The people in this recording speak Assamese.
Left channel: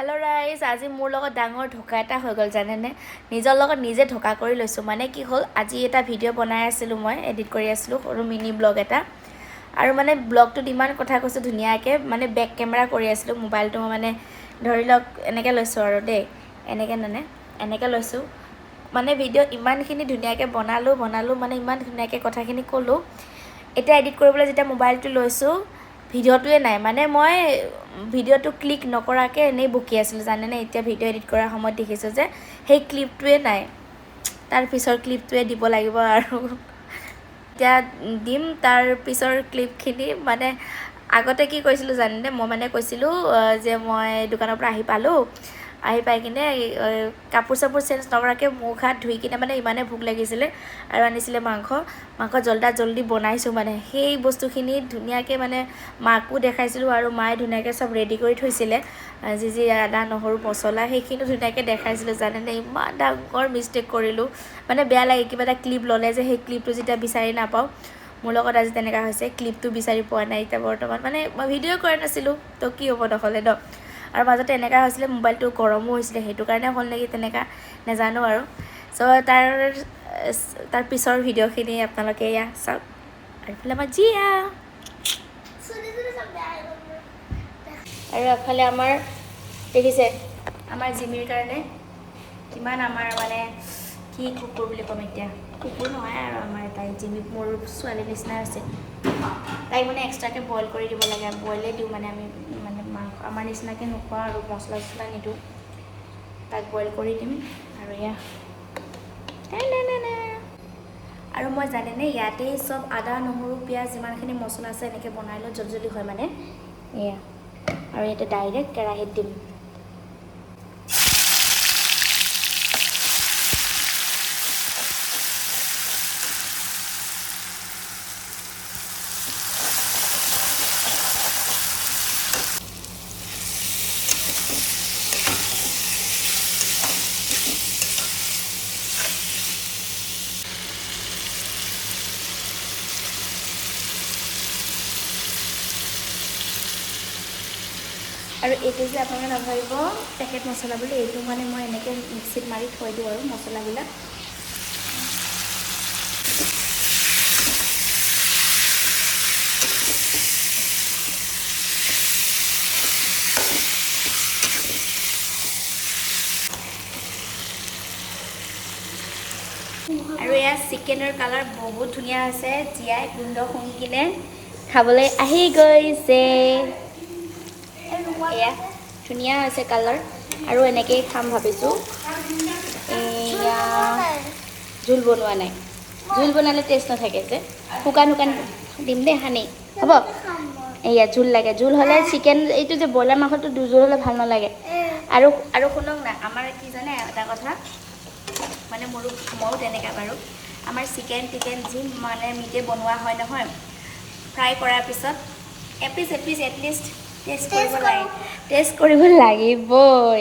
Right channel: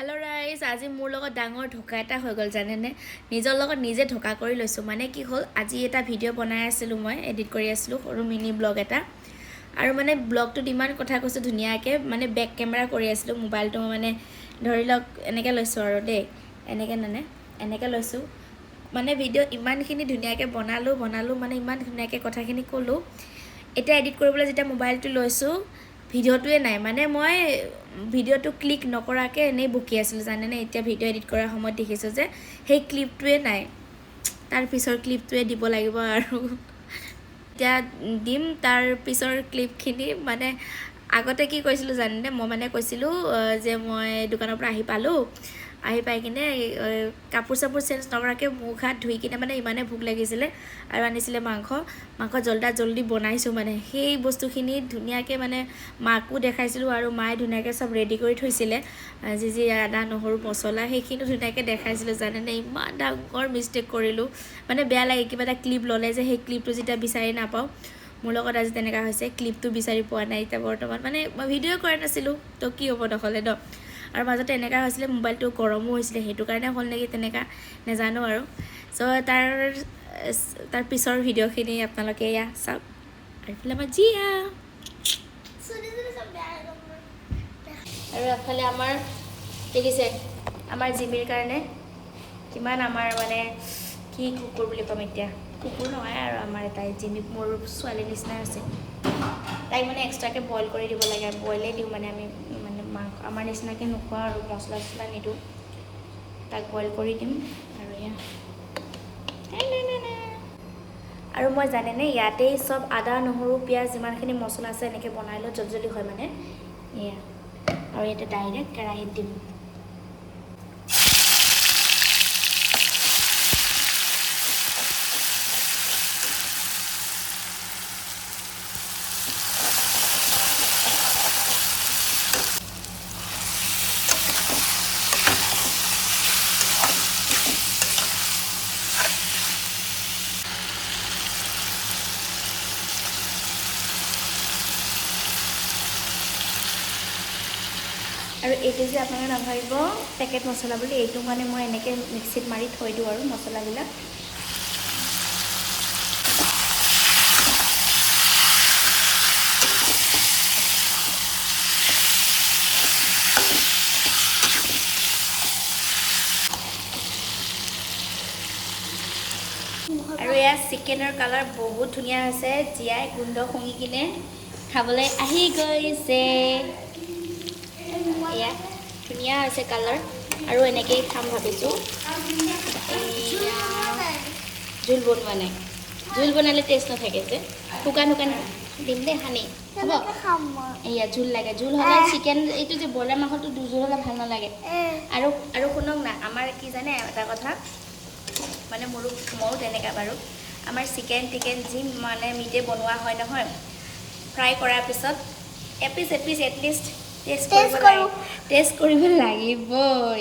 हेलो राइज आज मोर লগত ডাঙৰ ঢকা এটা হৈ গল জানেনে নিজৰ লগত নিজে ঢকা কৰি লৈছো মানে কি হল আজি এটা ভিডিও বনাই আছিলো মই এডিট কৰি আছিলো সৰু মিনি ব্লগ এটা আৰু মানে ব্লগটো ইমান কথা কৈছো ধুনিয়াকে মানে বেক কেমেৰা কৰি আছিলো মোবাইলটো মানে ধৰি লওক এনেকে লৈছো আৰু দেই এনেকে লৈছো মানে ভিডিও ইমানখিনি ধুনিয়াকে বনালো মানে ইমান ধুনিয়াকে কথাখিনি কলো এটা এডিট কৰিবলৈ যেটা মোবাইলটো লৈছো ভিডিওটোৱে নাই মানে মই ভিডিওটো ক্লিক নকৰাকে এনে বকি আছিল জানেনে এতিয়া ভিডিও এডিট কৰাৰ সময়ত দেখিছো যে সেই ক্লিপটোৱে নাই তাৰ পিছৰ ক্লিপটোৱে দিব লাগিব আৰু এতিয়া দিম তাৰ পিছৰ ক্লিপখিনি মানে আগতে কি কৈছিলো জানেনে মই মানে কৈছিলো যে মই দোকানৰ পৰা আহি পাই কিনে কাপোৰ সাপুৰ চেঞ্জ নকৰাকে মুখ হাত ধুই কিনে মানে ইমানে ভোক লাগিছিলে আৰু আনিছিলে মাংস জলদি বনাইছো মানে সেই বস্তুখিনি ধুনিয়াকে মানে মাকো দেখাইছিলো আৰু মায়ে ধুনিয়াকে সব ৰেডি কৰি থৈছিলে যি আদা নহৰু মছলা সেইখিনি ধুনিয়াকে দেখাইছিলো জানেনে ইমান ডাঙৰ মিস্টেক কৰিলো মানে বেয়া লাগে কিবা এটা ক্লিপ ললে যে সেই ক্লিপটো যেটা বিচাৰি নাপাও মোৰ লগত আজি তেনেকা হৈছে ক্লিপটো বিচাৰি পোৱা নাই এতিয়া বৰ্তমান মানে মই ভিডিও কৰা নাছিলো তো কি হ'ব নহলে ন আৰু মাজতে এনেকা হৈছিলে মোবাইলটো গৰমো হৈছিলে হেতু কাৰণে হল নেকি তেনেকা নেজানো আৰু সো তাৰ পিছৰ ভিডিওখিনি আপোনালোকে ইয়া সব আৰু ফলে আমাৰ জিয়া আৰু এফালে আমাৰ দেখিছে আমাৰ জিমিৰ কাৰণে কিমান আমাৰ মানে কি কুকুৰ বুলি কম এতিয়া কুকুৰ নহয় আৰু আমাৰ এটাই জিমি মোৰ ছোৱালী নিচিনা আছে তাই মানে এক্সট্ৰাকে বইল কৰি দিব লাগে বইলে দিওঁ মানে আমি মানে মাংস আমাৰ নিচিনাকে নোখোৱা আৰু মছলা নিদো তাক বইল কৰি দিম আৰু ইয়া আৰু মই জানেনে ইয়াতে সব আদা নহৰু পিয়াজ যিমানখিনি মছলা আছে এনেকে বনাই লো জলদি হয় মানে এয়া আৰু ইয়াতে ডাইৰেক্ট কেৰাহীত দিম আৰু এইটো যে আপোনালোকে নাভাবিব পেকেট মছলা বুলি এইটো মানে মই এনেকে মিক্সিত মাৰি থৈ দিওঁ আৰু মছলাবিলাক আৰু এয়া চিকেনৰ কালাৰ বহুত ধুনীয়া আছে জিয়াই গুণ্ড শুঙি কিনে খাবলৈ আহি গৈছে এয়া ধুনীয়া আছে কালাৰ আৰু এনেকেই খাম ভাবিছোঁ এয়া জোল বনোৱা নাই জোল বনালে টেষ্ট নাথাকে যে শুকান দিম দেই সানি হ'ব এয়া জোল লাগে জোল হ'লে চিকেন এইটো যে ব্ৰইলাৰ মাংসটো দুজোল হ'লে ভাল নালাগে আৰু শুনক না আমাৰ কি জানে এটা কথা মানে ময়ো তেনেকা বাৰু আমাৰ চিকেন যি মানে মিটে বনোৱা হয় নহয় ফ্ৰাই কৰাৰ পিছত এপিচ এটলিষ্ট টেষ্ট কৰিব লাগিবই